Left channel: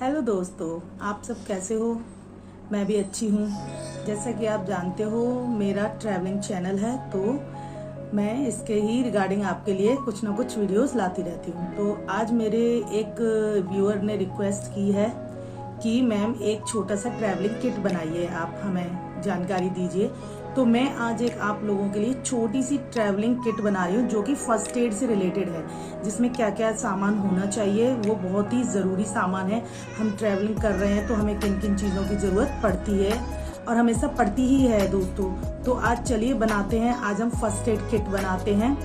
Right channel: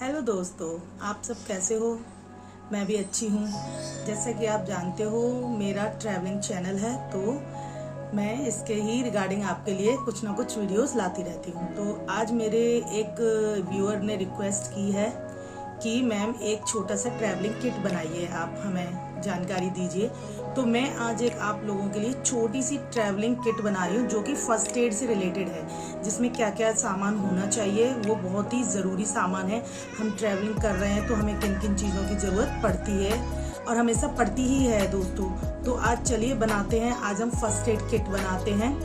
Hello दोस्तों, आप सब कैसे हो। मैं भी अच्छी हूँ। जैसा कि आप जानते हो मेरा ट्रैवलिंग चैनल है, तो मैं इसके ही रिगार्डिंग आपके लिए कुछ ना कुछ वीडियोस लाती रहती हूँ। तो आज मेरे एक व्यूअर ने रिक्वेस्ट की है कि मैम एक छोटा सा ट्रैवलिंग किट बनाइए, आप हमें जानकारी दीजिए। तो मैं आज एक आप लोगों के लिए छोटी सी ट्रैवलिंग किट बना रही हूँ जो कि फर्स्ट एड से रिलेटेड है, जिसमें क्या क्या सामान होना चाहिए वो बहुत ही ज़रूरी सामान है। हम ट्रैवलिंग कर रहे हैं तो हमें किन किन चीज़ों की ज़रूरत पड़ती है और हमेशा पड़ती ही है दोस्तों। तो आज चलिए बनाते हैं, आज हम फर्स्ट एड किट बनाते हैं।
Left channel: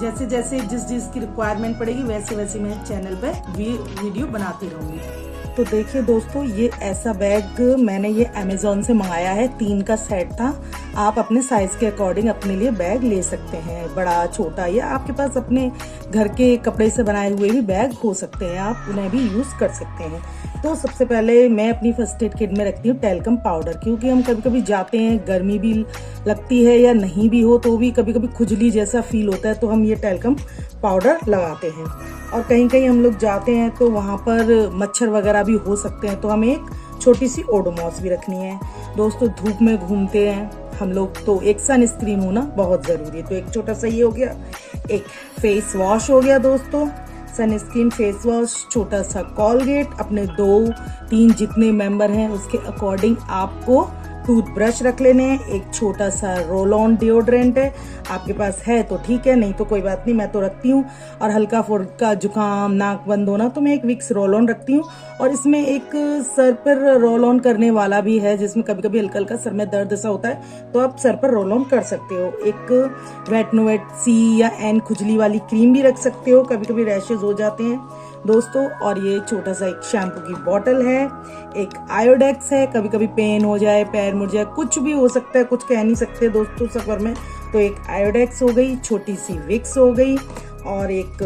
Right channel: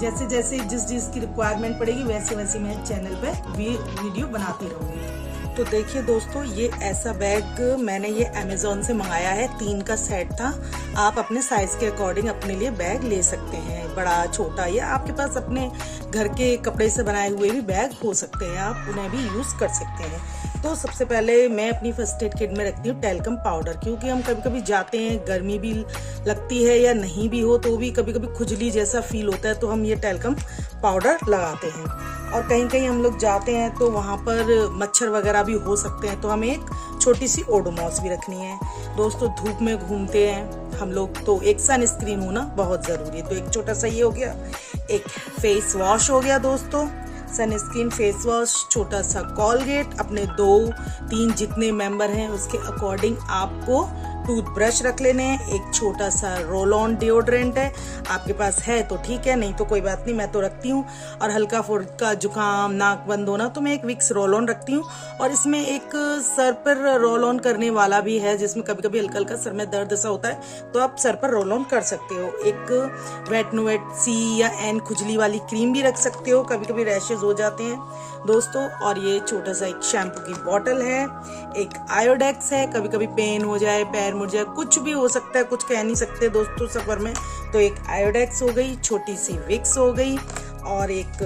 जैसे जैसे जिस जिस की रिक्वायरमेंट पड़ेगी वैसे वैसे मैं चैनल पे वीडियो बनाती रहूँगी। तो देखिए दोस्तों, ये ऐसा बैग मैंने ये अमेज़ॉन से मंगाया है, 3 का सेट था। आप अपने साइज के अकॉर्डिंग अपने लिए बैग ले सकते हैं, बड़ा छोटा, या आपके पास अपने घर के कपड़े से बनाए हुए भी बैग हो सकते हैं, आप उन्हें भी यूज कर सकते हैं। तो सबसे पहले मैं अपनी फर्स्ट एड किट में रखती हूँ टैल्कम पाउडर, क्योंकि हम कभी कभी जाते हैं, गर्मी भी लगती है या नहीं भी हो तो भी कभी कभी खुजली जैसा फील होता है, तो हम ये टैल्कम पाउडर लगाते हैं। और कहीं कहीं हम लोग जाते हैं तो वहाँ पर मच्छर वगैरह भी हो सकते हैं, तो हमें एक छोटी सी ओडोमॉस भी रखनी है। दोस्तों धूप में घूमते हैं हम लोग, तो एक सनस्क्रीन होना बहुत जरूरी है। तो एक छोटा सा ये हो गया, एक फेस वॉश हो गया दोस्तों, सनस्क्रीन, फेस वॉश, छोटा सा कोलगेट, अपने 2-3 जितने मेंबर हैं उसके अकॉर्डिंग आपको टूथब्रश रख लेने हैं, एक छोटा सा रोल ऑन डिओड्रेंट है, आपके पास है तो ठीक है, नहीं तो कोई बात नहीं, मैं तो रखती हूँ। और हल्का फुल्का जुकाम, नाक बंद होना, तो मैं एक विक्स रोल ऑन रखती हूँ। और इसमें एक सर पर रोल ऑन करने वाला भी है, जिसमें कभी कभी हल्का हल्का सर में दर्द सा होता है तो आप सर पर रोल ऑन कर सकते हो। एक वेट नो वेट सी या एन खुजली वाली क्रीम भी रख सकते हो, कभी कभी रैशेज हो जाते हैं दोस्तों। और ये छोटा सा एक शैम्पू की बोतल है, एक आयोडेक्स है, कभी कभी पेन हो जाए, पैर मुड़ जाए, कुछ भी हो सकता है, कुछ कह नहीं सकते दोस्तों सफर में, तो एक आयोडेक्स हो गई, छोटी सी विक्स हो गई, और एक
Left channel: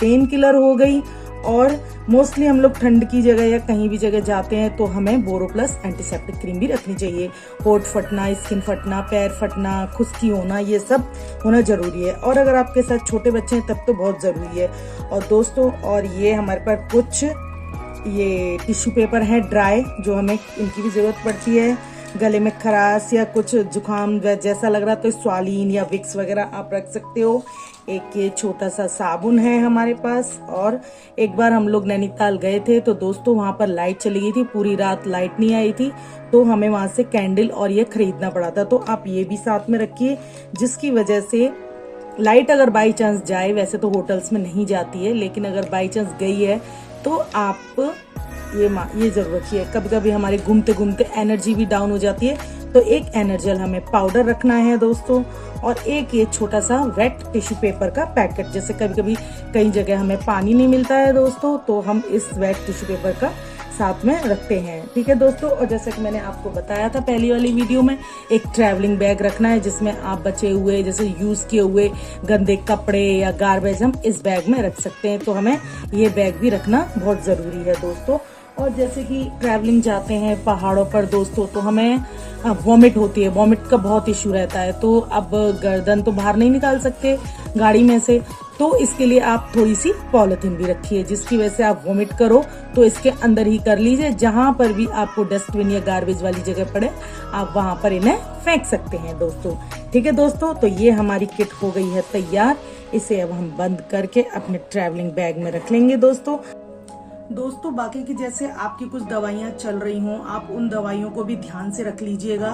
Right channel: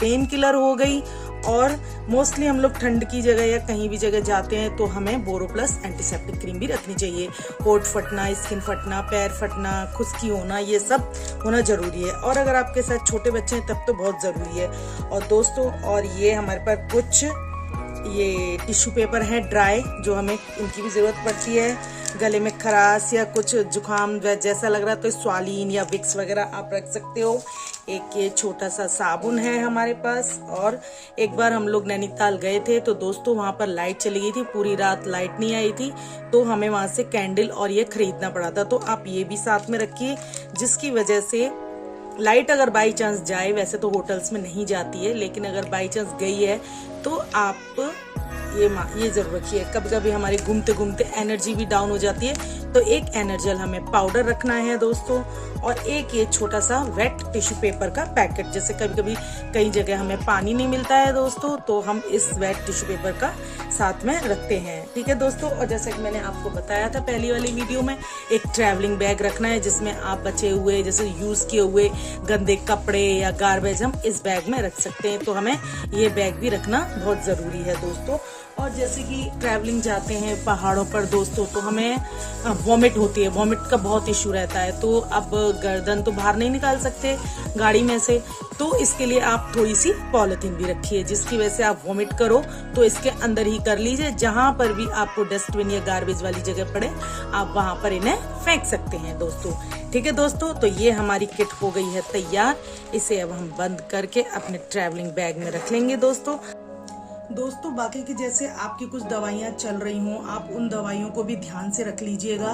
पेन किलर हो गई। और मोस्टली हम लोग ठंड की जगह या कहीं भी जगह जाते हैं तो हमें बोरोप्लस एंटीसेप्टिक क्रीम भी रखनी चाहिए। होठ फटना, स्किन फटना, पैर फटना, खुश्की होना, ये सब होना जरूरी है। और अगर आपके साथ छोटे बच्चे हैं तब तो बहुत जरूरी है। और दोस्तों, और ये हमारे पास कुछ ये टिश्यू पेपर है ड्राई, जो हमें इनकी भी जरूरत पड़ती है। गले में खराश या कुछ जुकाम जैसा लग रहा तो स्वालीन या विक्स वगैरह आप रख सकते हो। एक ये छोटा सा साबुन है हमारे पास। और एक बार हम लोग नैनीताल गए थे तो दोस्तों वहां पर लाइट चली गई थी, पूरी रात लाइट नहीं आई थी, तो हमें वहां से कैंडल और ये खरीदना पड़ा था। तो आप ये भी साथ में रखिए, जिसकी वजह से लाइट अगर बाई चांस जाए, वैसे तो होटल्स में नहीं जाती है, लेकिन अगर बाई चांस गई है तो आप ये जरूर रखिए। कभी कभी हमारी घूमते घूमते एनर्जी भी डाउन हो जाती है, तो एक एनर्जल हमें पाउडर रखना है दोस्तों। और एक ये छोटा सा वेट टिश्यू पेपर का पैकेट, जैसे कभी कभी कई जगह हमें पानी नहीं मिलता है दोस्तों, तो हम इस वेट टिश्यू पेपर का साथ में रखते हैं, ठीक है दोस्तों। और जैसे कि मैंने आपको बताया था पहली वाली वीडियो में, एक ट्रैवलिंग बैग रखना है जिसमें आप बचे हुए जैसे यूज किए हुए गंदे कपड़े या गार्बेज हम इस बैग में रख सकते हैं, तो हमें ये बैग भी रखना बहुत जरूरी है दोस्तों। और जैसे कि ट्रैवलिंग जाते हैं पहाड़ों पर दोस्तों, तो हमें वॉमिट होती है, वॉमिट का बहुत इश्यू रहता है, तो अब गर्दन तो बाहर नहीं निकाल सकते गाड़ी में से, तो इसके लिए आप थोड़ी सी पॉलिथीन भी रखिए, जिसकी वजह से आप वॉमिट करो तो इसके अंदर ही कर लीजिए। जहां पर भी आपको डस्टबिन या गार्बेज वाली जगह पड़े आप वहां पर इन्हें फेंक सकते हैं दोस्तों, ठीक है दोस्तों। तो ये हमारी किट हो गई है तैयार, इसे अब हम बंद करके अपने ट्रैवलिंग बैग में रख लेंगे दोस्तों। बाकी की जैसे आपकी कुछ दवाइयाँ चल रही हों, आप उन दवाइयों को भी ध्यान से रख लीजिएगा।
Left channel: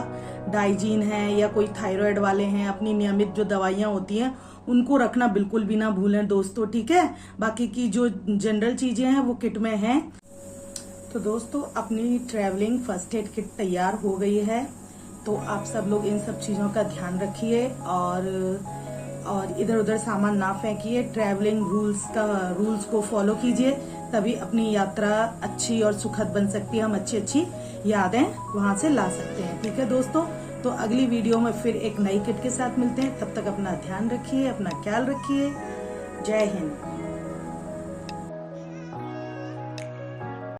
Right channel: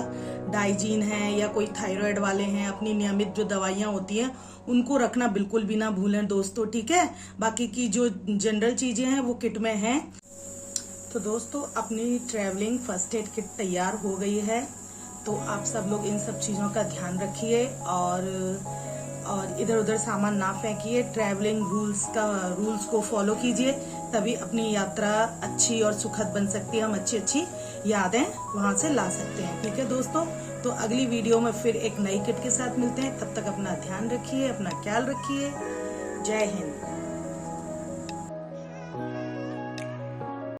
डाइजीन है या कोई थायराइड वाले हैं, अपनी नियमित जो दवाइयाँ होती हैं उनको रखना बिल्कुल भी ना भूलें दोस्तों, ठीक है। बाकी की जो जनरल चीजें हैं वो किट में हैं। तो दोस्तों अपनी ट्रैवलिंग फर्स्ट एड किट तैयार हो गई है, तो आप सब लोग इन सब चीजों का ध्यान रखिए और इधर उधर सामान ना फेंकिए। ट्रैवलिंग रूल्स को फॉलो कीजिए, तभी अपनी यात्रा अच्छी और सुखद बन सकती है, हम अच्छी यादें वहां से ला सकते हैं, ठीक है दोस्तों। तो अगली वीडियो में फिर एक नई किट के साथ मिलते हैं, तब तक अपना ध्यान रखिए, अपना ख्याल रखिए। जय हिंद।